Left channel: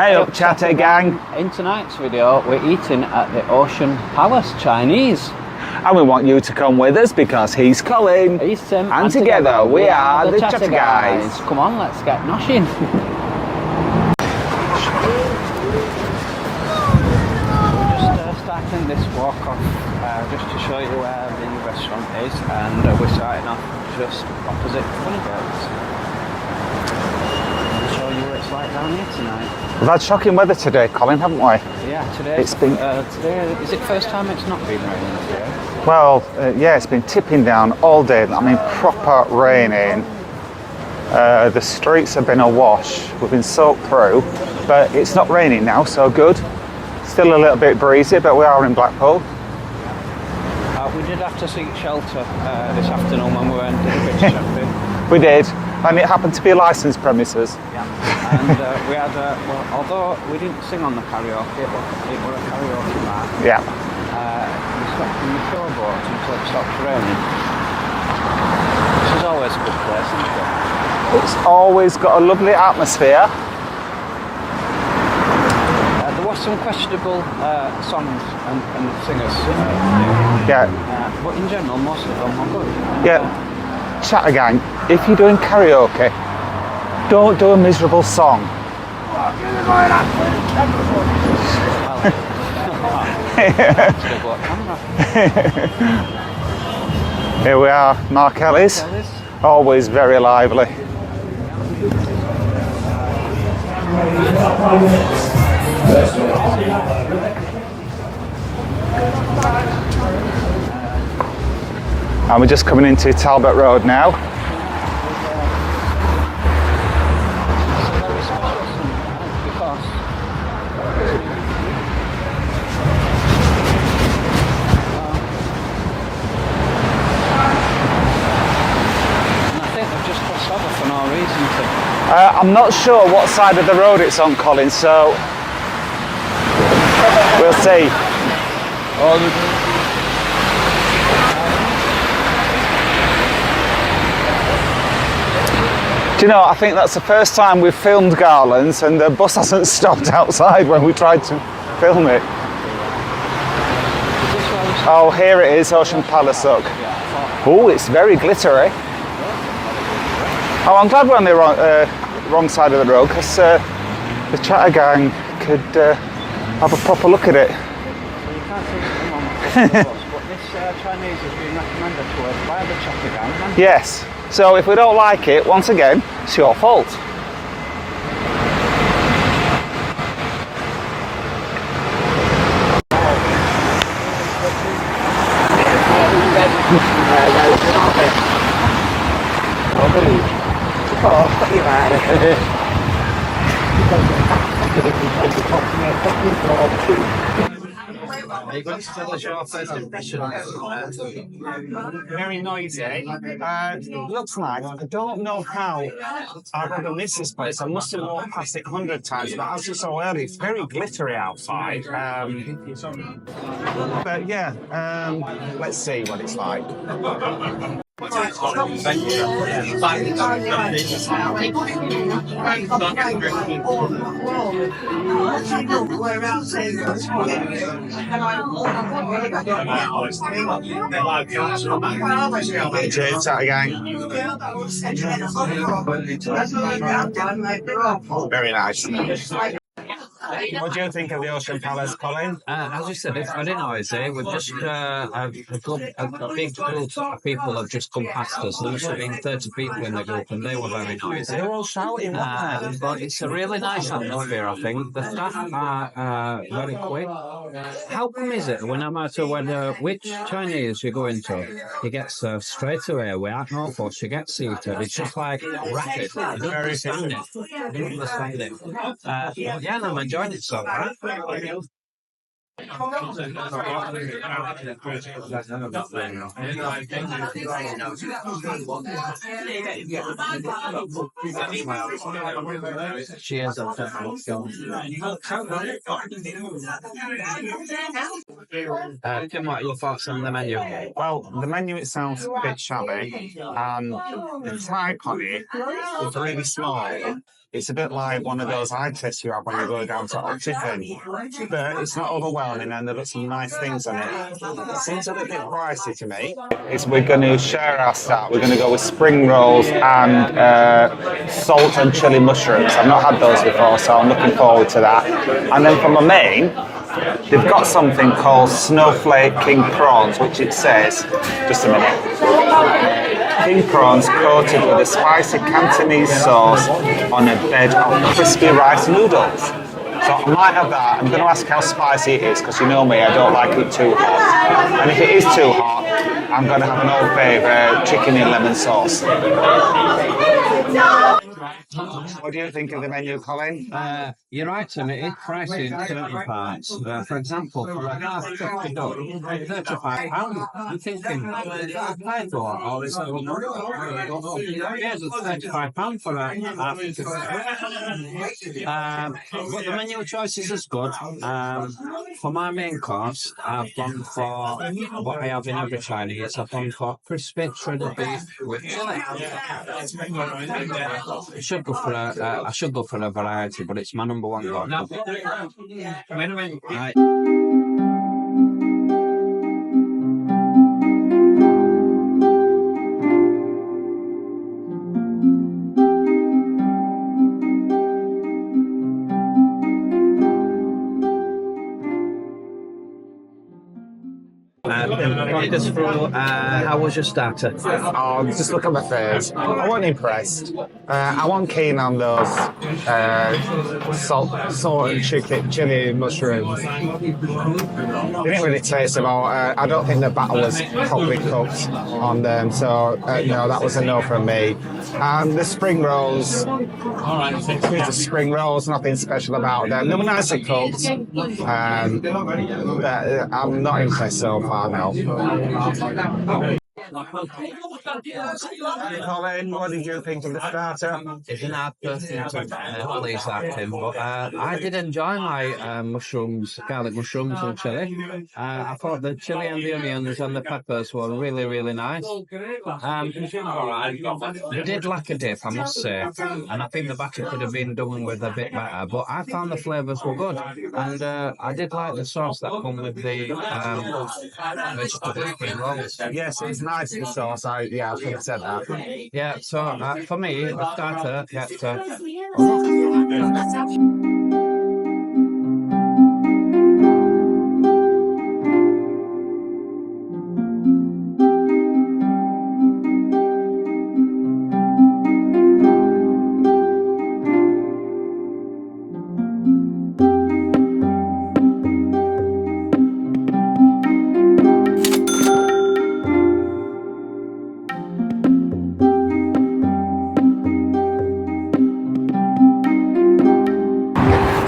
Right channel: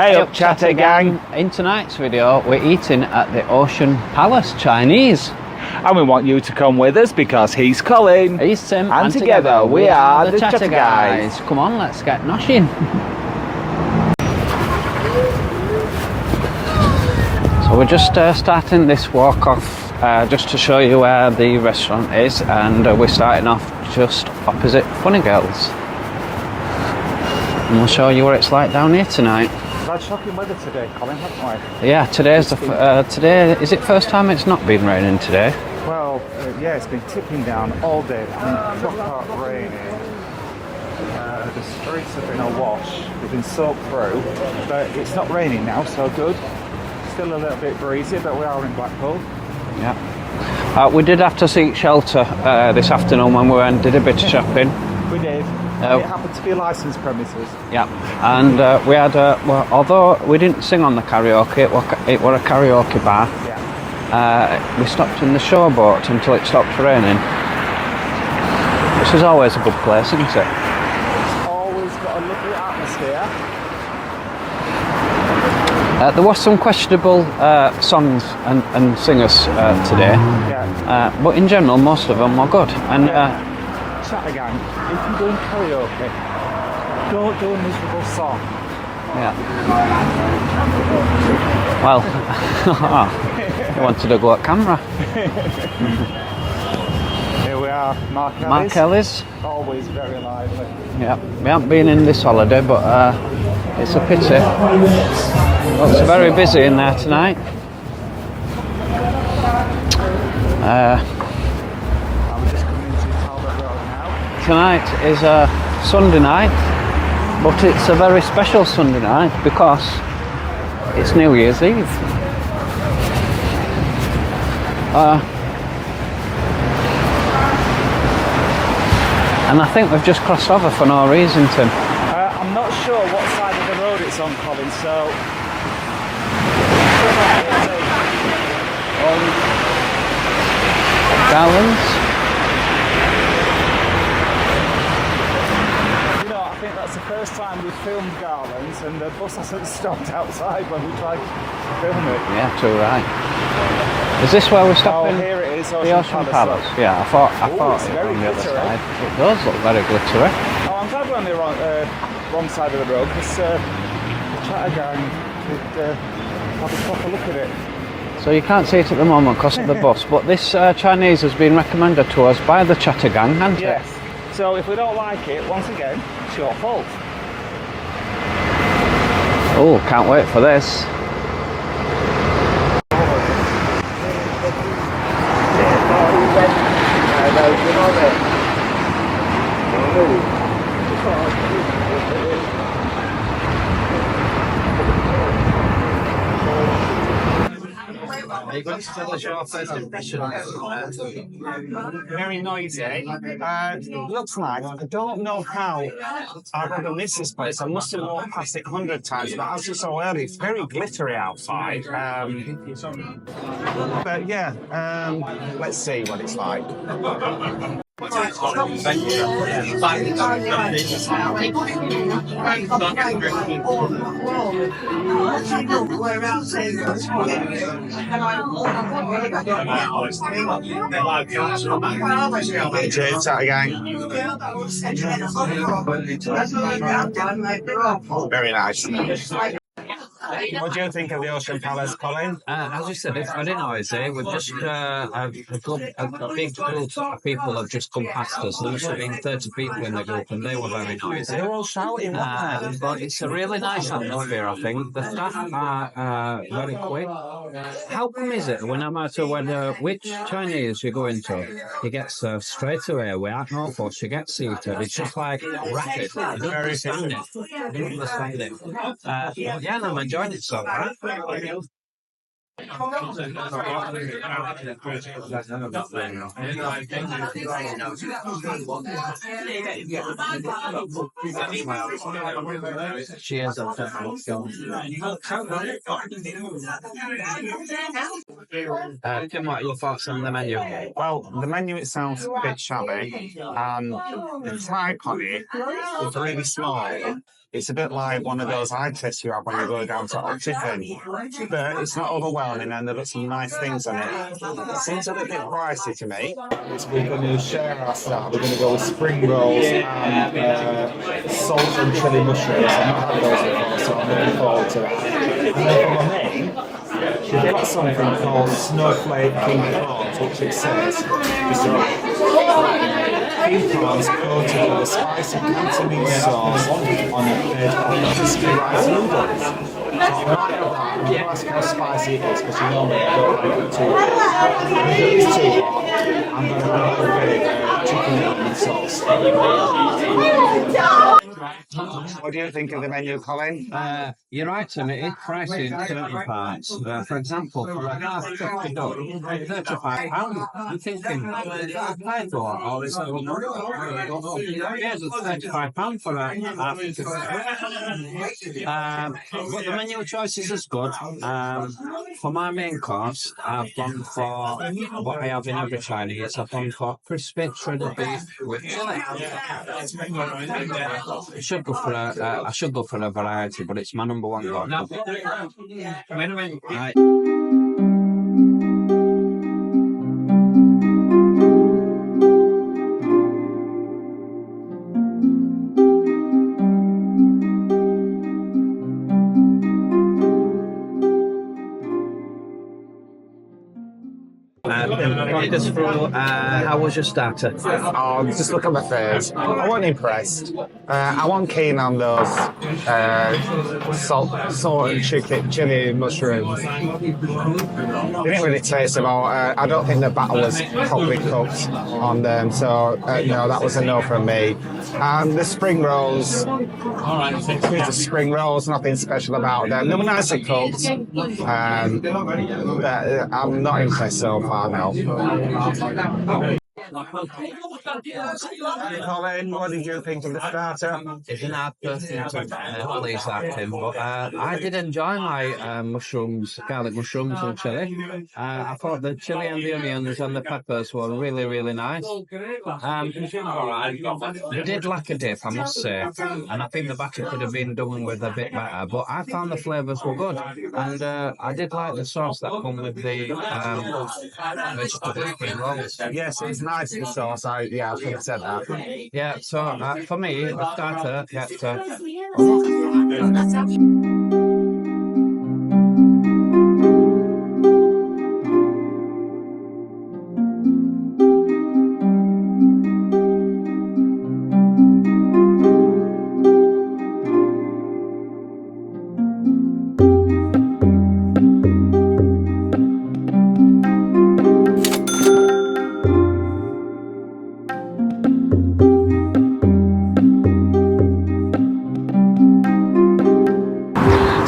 Hey up, Chatter Gang. In tonight's video, we're eating at the Ocean Palace Chinese. And we want you to come with us because he's Colin. He's Tim. And together we are the Chatter Guys. Come on, let's get noshing. So we're just starting this walk off just to show you where the restaurant is, and we're starting off just opposite Funny Girls. And we'll show you what it's like down here tonight. We've had shocking weather today, Colin, haven't we? Yeah, today, is it first time it's not been raining today? Well, yeah, it's been tipping down all day. I mean, proper raining. The streets have been awash. We've been soaked through, but it's not raining now, so good. Still a little bit breezy, but we are in Blackpool. Yeah. We did have to seek shelter this afternoon when we went and did a bit of shopping. We did. And it happened to be licensed premises. Yeah, and we had, well, although we didn't sing on the karaoke, it was a karaoke bar. Yeah. We stopped in the showboat until it stopped raining, which is always a good place, isn't it? It's always got a lovely atmosphere. There was some questionable songs and singers today. Yeah. But in general, most of them were good. And Chatter Gang, if you're doing karaoke, don't do a miserable song. Yeah. Well, I wanted to go at camera. Here we are, Mark Ellis. Mark Ellis. Always very lively. Yeah, we haven't been in this holiday, but it's a pity. It's very busy in there tonight. And we're just coming into Talbot Road now. Tonight is a Sunday night, but it's a very special Sunday night because it's New Year's Eve. And I think we've just crossed over for no reason, Tim. I'm not sure what side of the road it's on, Colin, so we'll see. Garlands. Do you know, I think that's the first time we've filmed Garlands and the bus hasn't stopped outside when we tried to film it. Yeah, too right. Is this where we stopped? Oh, here it is, Ocean Palace. Look. Yeah, I thought. Oh, it's very glittery. It does look very glittery. Oh, I'm glad we're on the wrong side of the road because the Chatter Gang could have a proper look at it. So you can't see it at the moment because of the bus, but this Chinese has been recommended to us by the Chatter Gang, hasn't it? Yes. So if we don't like it, once again, it's your fault. Oh, can't wait for this. Are you going to tell us your first impression? Very noisy. Looks like, I don't know how I could have missed this place. I must have walked past it 100 times, but as you saw earlier, it's very glittery outside. But yeah, let's see what it's like. Cheers, Chatter Gang. Very nice. What do you think of the Ocean Palace, Colin? As you said, it's very noisy. We've just a big group of people have just come past us. There must have been 30 people in the group, and they were very noisy. They were all shouting, weren't they? But it's a really nice atmosphere, I think. The staff are very quick. How come is it, no matter which Chinese you go into, you get served straight away without no fuss, you get seated. It's just like racket. I don't understand it. I don't understand it. Yeah, I'm enjoying it so far. Cheers. Tim, what are your thoughts on the menu? Well, the menu itself a bit shabby, and the type on it is really small. It's a bit like one of those eye tests you have when you go down to optician. But it's not overwhelming and they've got some nice things on it. It seems a little bit pricey to me. We're going to share our start. We're going to go with spring rolls and salt and chili mushrooms. I've not had those before, so I'm looking forward to that. And then for my main, they've got something called snowflake king prawns, which it says, just a minute. King prawns coated with a spicy Cantonese sauce on a bed of crispy rice noodles. So I might have that. I'm going to ask how spicy it is, because you know me, I don't like it too hot. And if it is too hot, I'm going to have an Old Bay chicken in lemon sauce. What do you think of the menu, Colin? You're right, Tim. It is pricey in certain parts. For example, for a half turkey duck, £35. I'm thinking, is that a pie for? Or is that yes, it's £35 for a half turkey. But the menu choices is good. For my main course, I've gone for what I have in every Chinese. I've gone for crispy shredded beef with chili. I should go for a variety, but it's my number one goal. Right. Talk us through, how was your starter? Oh, just look at my face. I wasn't impressed. I wasn't keen on those salt and chili mushrooms. They didn't really taste them all. I don't think the batter was properly cooked on them, so no, that was a no from me. And the spring rolls, the spring rolls, nothing special about them. They were nicely cooked, but I'm not impressed so far now. Colin, what did you think of the starter? It's an hard person to please that, Tim, but I did enjoy my mushrooms, garlic mushrooms and chili. I thought the chili and the onions and the peppers were really, really nice. They did lack a dip, I must say, and I think the batter could have been done with a bit better, but I found the flavours were good, and I did like the sauce that come with the vegetable spring rolls. Yes, it's nice, the sauce. I should have said that. Yeah, so for me, the starter gets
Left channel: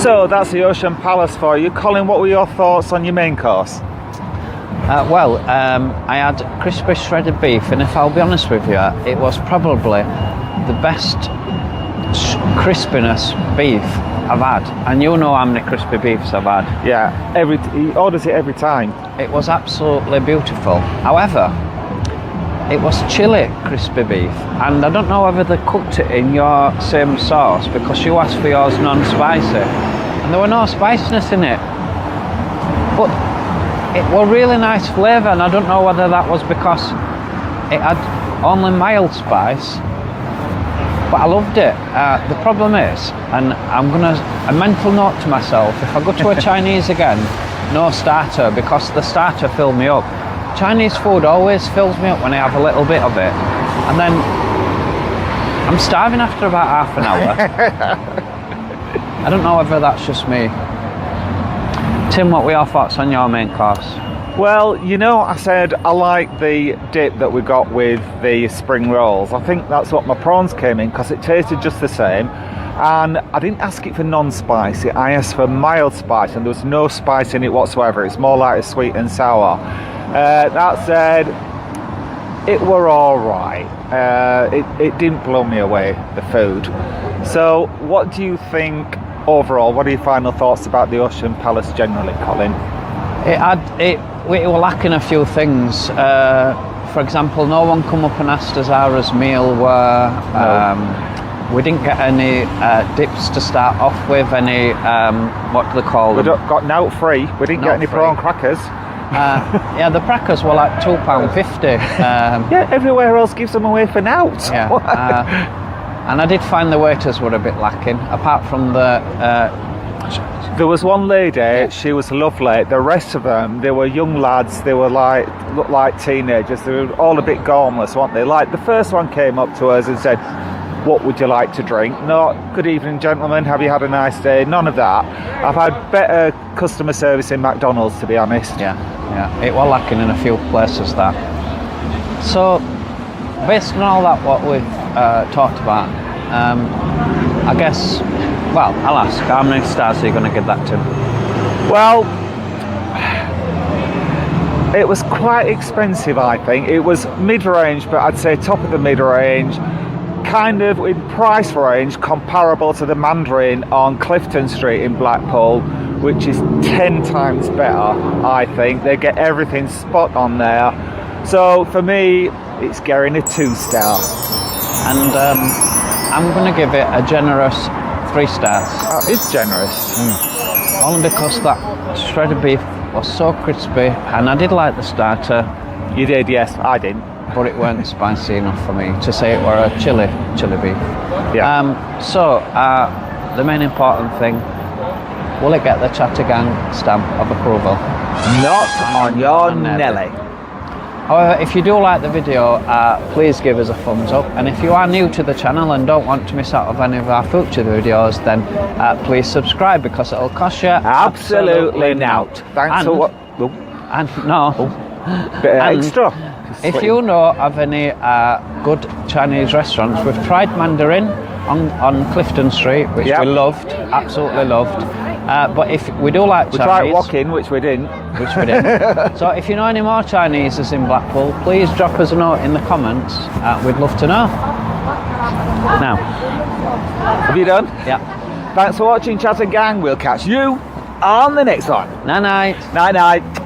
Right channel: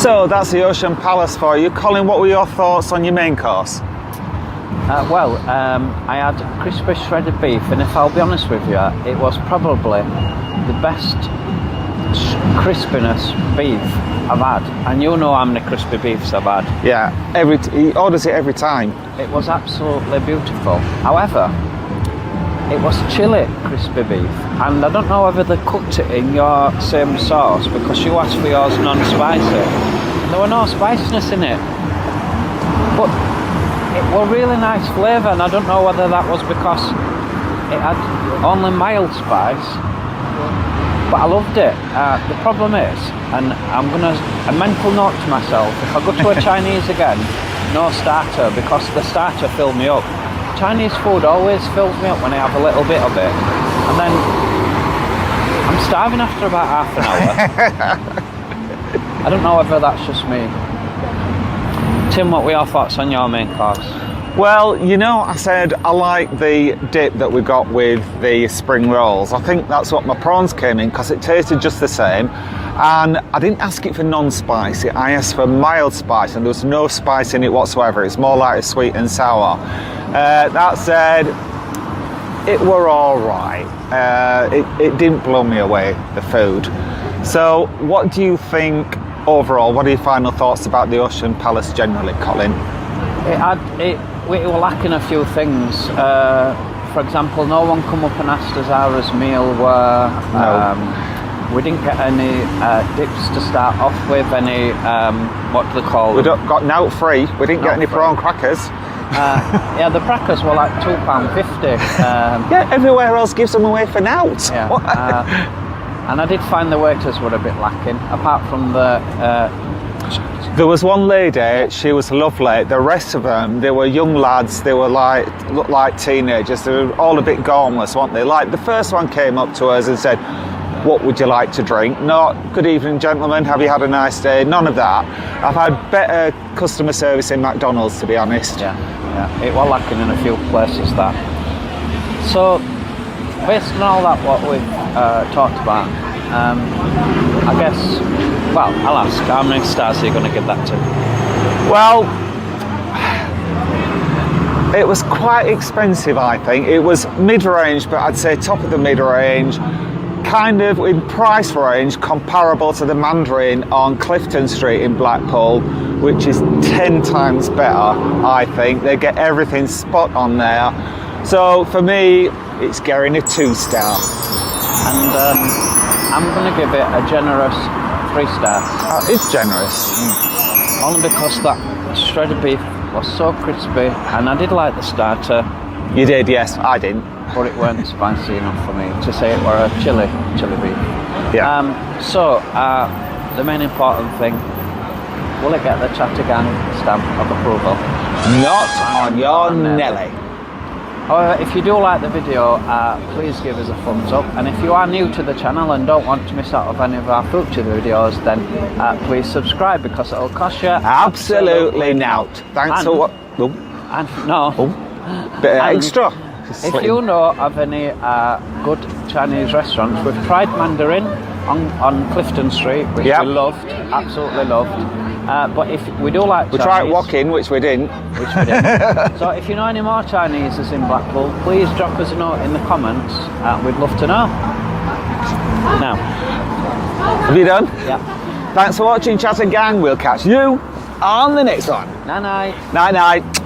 So that's the Ocean Palace for you. Colin, what were your thoughts on your main course? I had crispy shredded beef, and if I'll be honest with you, it was probably the best crispiness beef I've had. And you know how many crispy beefs I've had. Yeah, he orders it every time. It was absolutely beautiful. However, it was chili crispy beef, and I don't know whether they cooked it in your same sauce, because you asked for yours non-spicy. And there were no spiciness in it. But it was really nice flavour, and I don't know whether that was because it had only mild spice, but I loved it. The problem is, and I'm going to, a mental note to myself, if I go to a Chinese again, no starter, because the starter filled me up. Chinese food always fills me up when I have a little bit of it, and then I'm starving after about half an hour. I don't know whether that's just me. Tim, what were your thoughts on your main course? Well, you know, I said I like the dip that we got with the spring rolls. I think that's what my prawns came in, because it tasted just the same. And I didn't ask it for non-spicy, I asked for mild spice, and there was no spice in it whatsoever. It's more like sweet and sour. That said, it were all right. It didn't blow me away, the food. So what do you think overall? What are your final thoughts about the Ocean Palace generally, Colin? It were lacking a few things. For example, no one come up and asked us how our meal were. we didn't get any dips to start off with. Any what do they call We them? got note free. We didn't get any Note free. prawn crackers. Yeah, the crackers were like £2.50. Yeah, everywhere else gives them away for nout. Yeah, and I did find the waiters were a bit lacking, apart from the. There was one lady, she was lovely. The rest of them, they were young lads. They were looked like teenagers. They were all a bit gormless, weren't they? Like the first one came up to us and said, "What would you like to drink?" Not "Good evening, gentlemen. Have you had a nice day?" None of that. I've had better customer service in McDonald's, to be honest. Yeah, it was lacking in a few places that. So, based on all that what we've talked about, I guess, well, I'll ask, how many stars are you going to give that to? Well, it was quite expensive, I think. It was mid-range, but I'd say top of the mid-range. Kind of in price range comparable to the Mandarin on Clifton Street in Blackpool, which is 10 times better, I think. They get everything spot on there. So for me, it's getting a 2-star. And I'm going to give it a generous 3 stars. That is generous. Only because that shredded beef was so crispy, and I did like the starter, You did, yes. I didn't. but it weren't spicy enough for me to say it were a chili beef. Yeah. So the main important thing, will it get the Chattergang stamp of approval? Not on your Nelly. However, if you do like the video, please give us a thumbs up, and if you are new to the channel and don't want to miss out of any of our future videos, then please subscribe, because it'll cost you Absolutely not. Thanks for what? Oh, And no. bit of And extra. If you know of any good Chinese restaurants, we've tried Mandarin on Clifton Street, which Yep. we loved, absolutely loved. But if we do like We Chinese, tried walking, which we didn't. which we did. So if you know any more Chineses in Blackpool, please drop us a note in the comments. We'd love to know. Now, Have you done? yeah. Thanks for watching, Chattergang. We'll catch you on the next one. Night night. Night night.